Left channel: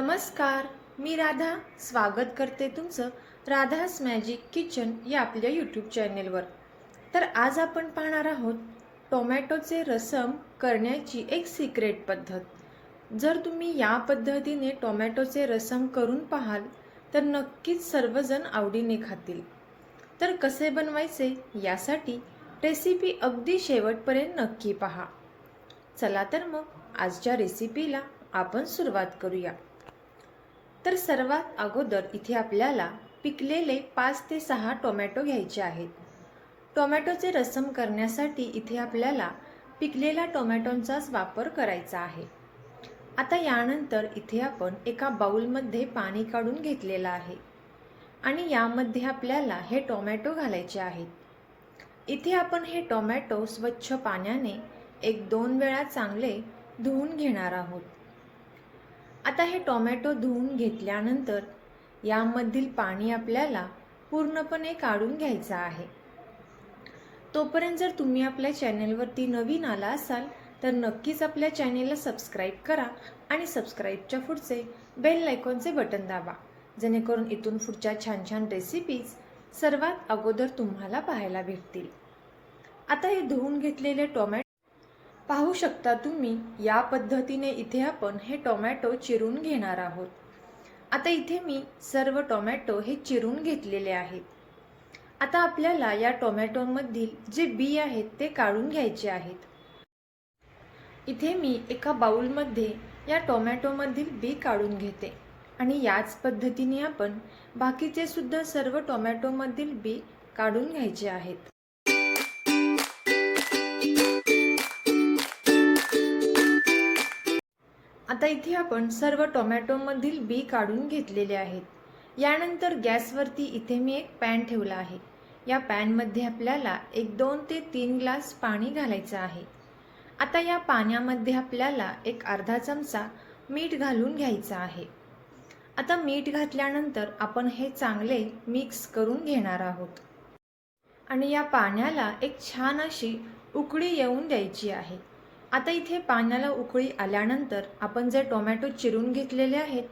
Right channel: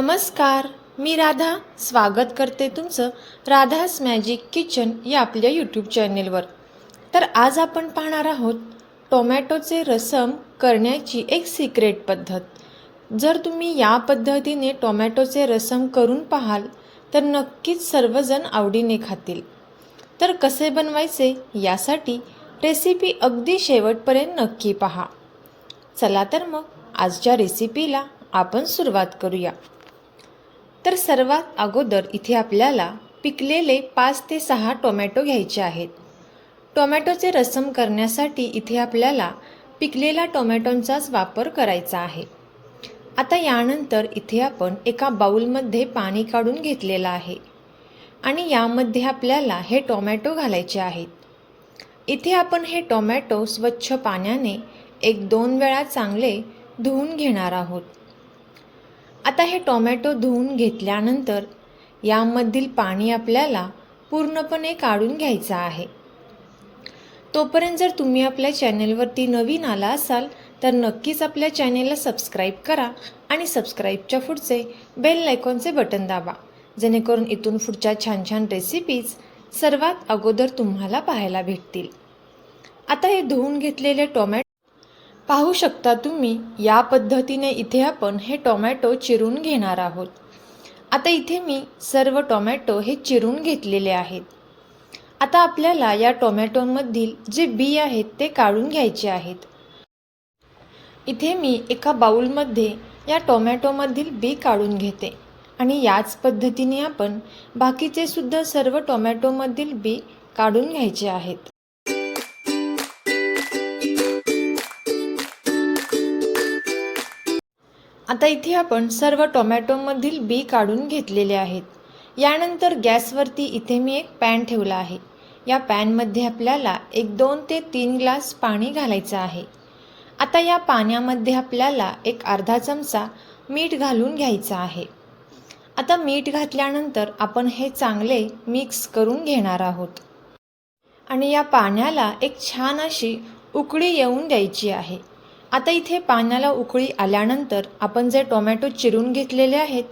नमस्कार मी राधा. स्वागत करते तुमचं राधास मॅजिक किचन या आपल्या यूट्यूब चॅनेलवर तर आज आपण पाहणार आहोत टोमॅटोचे रसम करण्याची एक सिक्रेट पद्धत. जर तुम्ही या पद्धतीने टोमॅटोचे रसम करून पाहाल तर नक्कीच सर्वजण आवडीने खातील. तर कसे बनवायचे यासाठी रेसिपी अगदी शेवटपर्यंत नक्की पहा. चला तर मग आजच्या रेसिपीला आपण सुरुवात करूया. तर सर्वात अगोदर इथे आपल्याला पिकलेले पाच ते सहा टोमॅटो घ्यायचे आहेत. टोमॅटोचे रसम करण्यासाठी इथे आपल्याला पिकलेल्या टोमॅटोंचाच वापर करायचा आहे. आता यानंतर इथे आपण एका बाऊलमध्ये पाणी काढून घेतलेलं आहे आणि यामध्ये आपल्याला हे टोमॅटो घालायचे आहेत. इथे आपण हे टोमॅटो स्वच्छ पाण्याने एक दोन वेळा चांगले धुवून घेणार आहोत. आता हे टोमॅटो धुवून घेतल्यानंतर यामधील पाणी आपल्याला पूर्णपणे काढून घ्यायचं आहे. तोपर्यंत जर तुम्ही आपल्या चॅनेलवरती नवीन आला असाल तर नक्कीच आपल्या चॅनेलला सबस्क्राईब करा आणि सबस्क्राईबच्या पुढचे बेल आयकॉनचे बटन दाबा जेणेकरून इथून पुढच्या छान छान रेसिपीज सर्वात अगोदर तुम्हाला पाहायला भेटतील. आता हे धुवून घेतलेले टोमॅटो पाहू शकता तुम्ही या पद्धतीने इथे आपण हे टोमॅटो चिरून घेणार आहोत. आता इथे मी सर्व टोमॅटो हे चिरून घेतलेले आहेत. आता आपल्याला या टोमॅटोमधील जे बी आहेत ते काढून घ्यायचे आहेत. इथे मी एका बाऊलमध्ये या टोमॅटोमधील बी काढून घेते आणि याच पद्धतीने आपण बाकीचे सुद्धा सर्व टोमॅटोमधील बी काढून घ्यायचे आहेत. आता इथे आपण सर्व टोमॅटोमधील बी काढून घेतलेले आहेत. यानंतर गॅसवरती इथे मी एक पॅन ठेवला आहे. या पॅनमध्ये आपल्याला एक दोन ते तीन ग्लास पाणी घालायचं आहे. आता या पाण्यामध्ये आपल्याला एक अर्धा चमचा मीठ घालून घ्यायचं आहे. आता मीठ घातल्यानंतर आपण हे चांगले मिक्स करून घेणार आहोत. आणि या पाण्याला एक छान अशी उकळी येऊन द्यायची आहे. आता इथे पाण्याला उकळी आल्यानंतर आपण जे टोमॅटो चिरून घेतलेले आहेत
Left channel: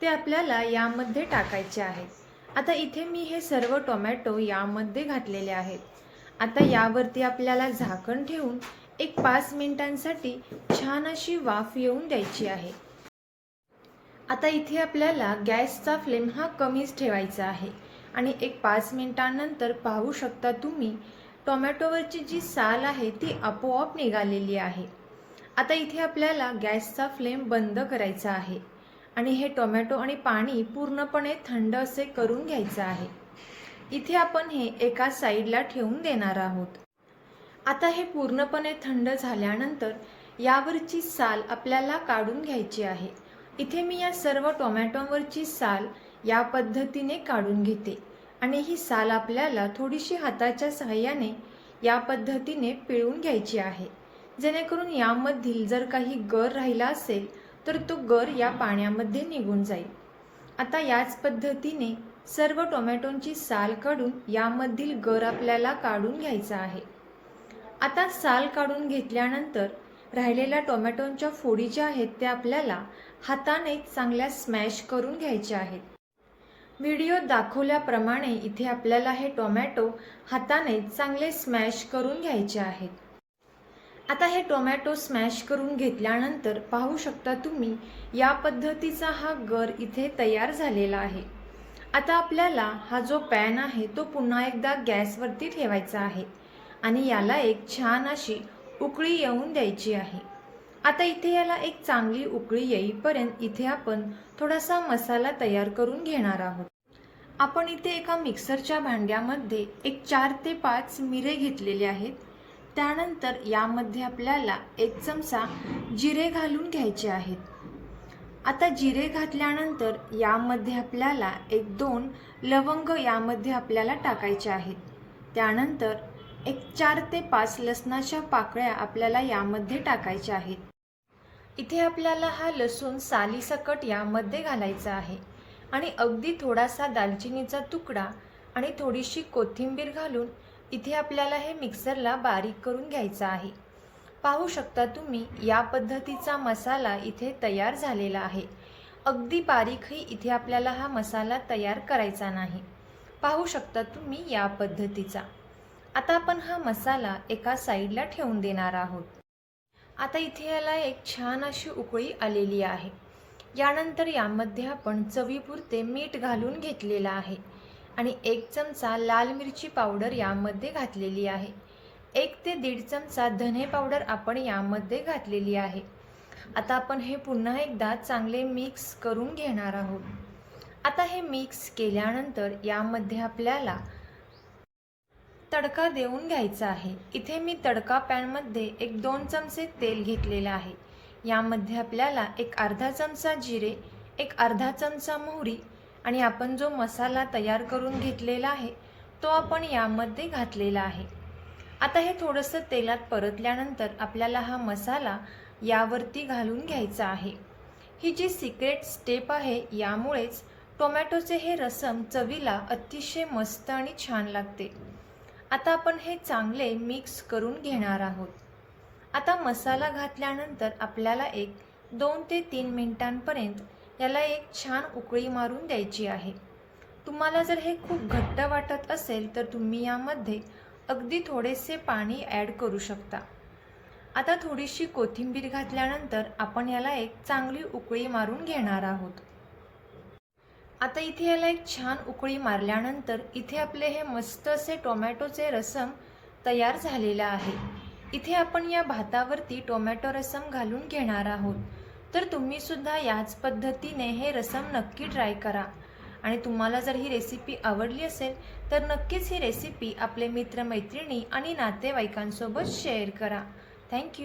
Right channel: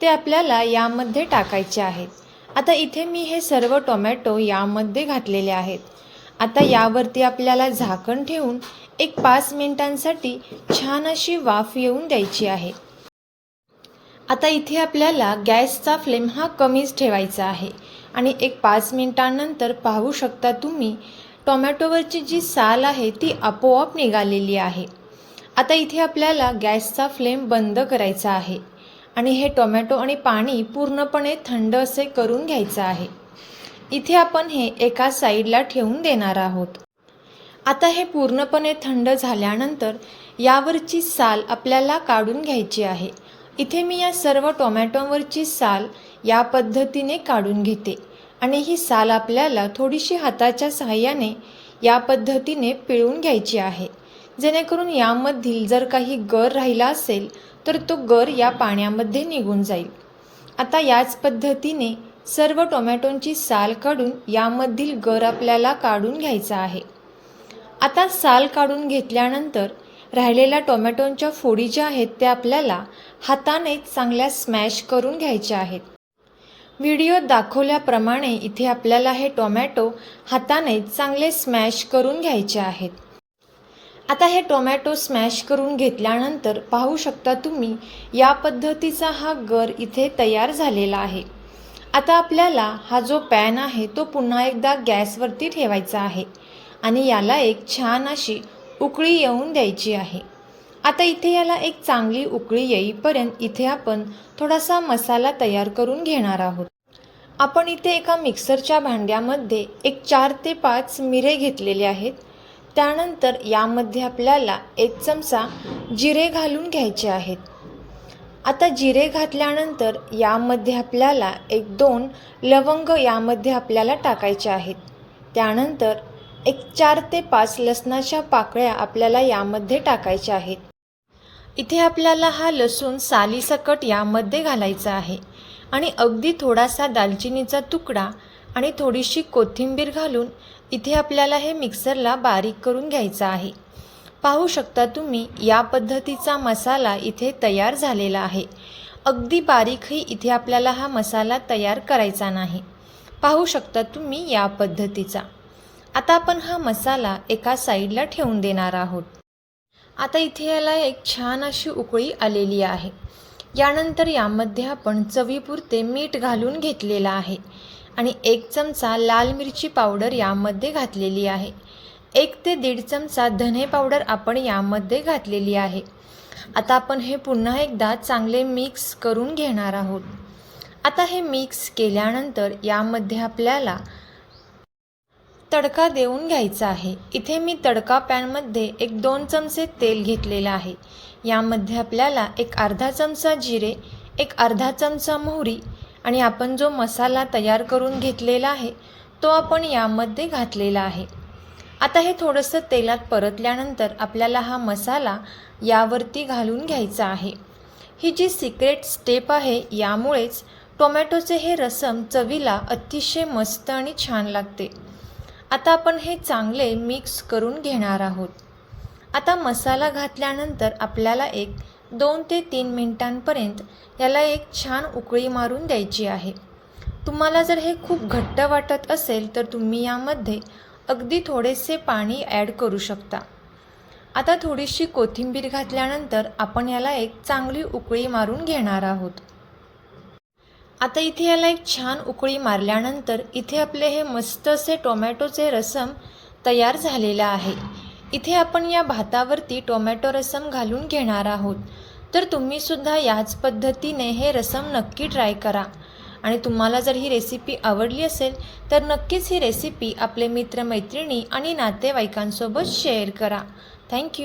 ते आपल्याला यामध्ये टाकायचे आहेत. आता इथे मी हे सर्व टोमॅटो यामध्ये घातलेले आहेत. आता यावरती आपल्याला झाकण ठेवून एक पाच मिनिटांसाठी छान अशी वाफ येऊन द्यायची आहे. आता इथे आपल्याला गॅसचा फ्लेम हा कमीच ठेवायचा आहे. आणि एक पाच मिनिटांनंतर पाहू शकता तुम्ही टोमॅटोवरची जी साल आहे ती आपोआप निघालेली आहे. आता इथे आपल्याला गॅसचा फ्लेम बंद करायचा आहे आणि हे टोमॅटो आणि पाणी पूर्णपणे थंड असे करून घ्यायचं आहे. इथे आपण हे एका साईडला ठेवून देणार आहोत. आता हे पूर्णपणे थंड झाल्यानंतर यावरची साल आपल्याला काढून घ्यायची आहे. इथे मी या सर्व टोमॅटोवरची साल या पद्धतीने काढून घेते आणि ही साल आपल्याला थोडीशी हाताच्या सहाय्याने या पद्धतीने पिळून घ्यायची आहे. जेणेकरून यामधील जर काही गर राहिला असेल तर तो गर या पाण्यामध्ये निघून जाईल. आता याच पद्धतीने सर्व टोमॅटोंची साल काढून यामधील गर आपल्याला काढून घ्यायचा आहे. आता साल काढून घेतल्यानंतर राहिलेल्या टोमॅटोंच्या फोडी ज्या आहेत त्या आपल्याला हाताने चांगल्या स्मॅश करून घ्यायच्या आहेत. व्हिडिओ दाखवल्याप्रमाणे इथे आपल्याला हे टोमॅटो हाताने चांगले स्मॅश करून घ्यायचे आहेत. आता हे टोमॅटो स्मॅश करून घेतल्यानंतर पाहू शकता तुम्ही या पद्धतीचा हा गर इथे तयार झालेला आहे. आता आपल्याला हा जो पॅन आहे तो पुन्हा एकदा गॅसवरती ठेवायचा आहे आणि याला एक छान अशी उकळी येऊन द्यायची आहे. आता इथे याला एक चांगली उकळी येईपर्यंत इथे आपण थोडासा मसाला तयार करून घेणार आहोत. आपण इथे एका मिक्सरच्या भांड्यामध्ये एक चार ते पाच मिरे घेतलेले आहेत. त्यानंतर यामध्ये आपल्याला एक चमचा जिरे घालून घ्यायचे आहेत. आता जिरे घातल्यानंतर यामध्ये आपल्याला एक दोन लवंग यामध्ये आपल्याला टाकायचे आहेत. त्यानंतर एक चार ते पाच लसणाच्या पाकळ्या आपल्याला यामध्ये टाकायच्या आहेत. इथे आपल्याला हा लसूण सालीसकट यामध्ये घालायचा आहे आणि अगदी थोडासा दालचिनीचा तुकडा आणि थोडीशी कोथिंबीर घालून इथे आपल्याला हे मिक्सरला बारीक करून घ्यायचं आहे. पाहू शकता तुम्ही या पद्धतीचा मसाला इथे तयार झालेला आहे. अगदी बारीकही इथे आपल्याला हा मसाला तयार करायचा नाही. पाहू शकता तुम्ही या पद्धतीचा. आता आपण हा मसाला एका साईडला ठेवून देणार आहोत. आता इथे याला एक छान अशी उकळी आलेली आहे. यानंतर यामध्ये आपण चवीपुरते मीठ घालून घेतलेलं आहे. आणि एक चमचा लाल मिरची पावडर यामध्ये घातलेली आहे. एक ते दीड चमचा धने पावडर आपण यामध्ये घातलेली आहे. आता आपण हे पुन्हा एकदा चांगले मिक्स करून घेणार आहोत. आता हे मिक्स केल्यानंतर यामध्ये आपल्याला तडका देऊन घ्यायचा आहे. इथे मी तडका पॅनमध्ये एक दोन चमचे तेल घेतलेलं आहे. यामध्ये आपल्याला एक अर्धा चमचा जिरे एक अर्धा चमचा मोहरी आणि आपण जो मसाला तयार करून घेतलेला आहे तो आपण यामध्ये घातलेला आहे. आता हे थोडंसं तेलात परतल्यानंतर आपल्याला हा मसाला यावरती घालून घ्यायचा आहे. ही जी सिक्रेट स्टेप आहे यामुळेच टोमॅटोचे हे रसम चवीला अतिशय मस्त आणि छान लागते. आता आपण हे चांगले मिक्स करून घेणार आहोत. आता मसाला घातल्यानंतर आपल्याला एक दोन ते तीन मिनटांपर्यंत याला एक छान उकळी मारून द्यायची आहे. तुम्हाला जर हे खूप घट्ट वाटत असेल तर तुम्ही यामध्ये अगदी थोडेसे पाणी ॲड करू शकता. आता थोडीशी कोथिंबीर घातल्यानंतर आपण याला एक चांगली उकळी मारून घेणार आहोत. आता इथे याला एक छान उकळी मारल्यानंतर इथे आपले हे मस्त असे टोमॅटोचे रसम तयार झालेलं आहे. इथे आपण या भातावरती टोमॅटो रसम घालून घेणार आहोत. तर तुम्हीसुद्धा याच पद्धतीने हे रसम नक्की ट्राय करा. आणि तुम्हाला जर ही रेसिपी आवडली असेल तर नक्कीच ही रेसिपी आपले मित्रमैत्रिणी आणि नातेवाईकांसोबत शेअर करा. थँक्यू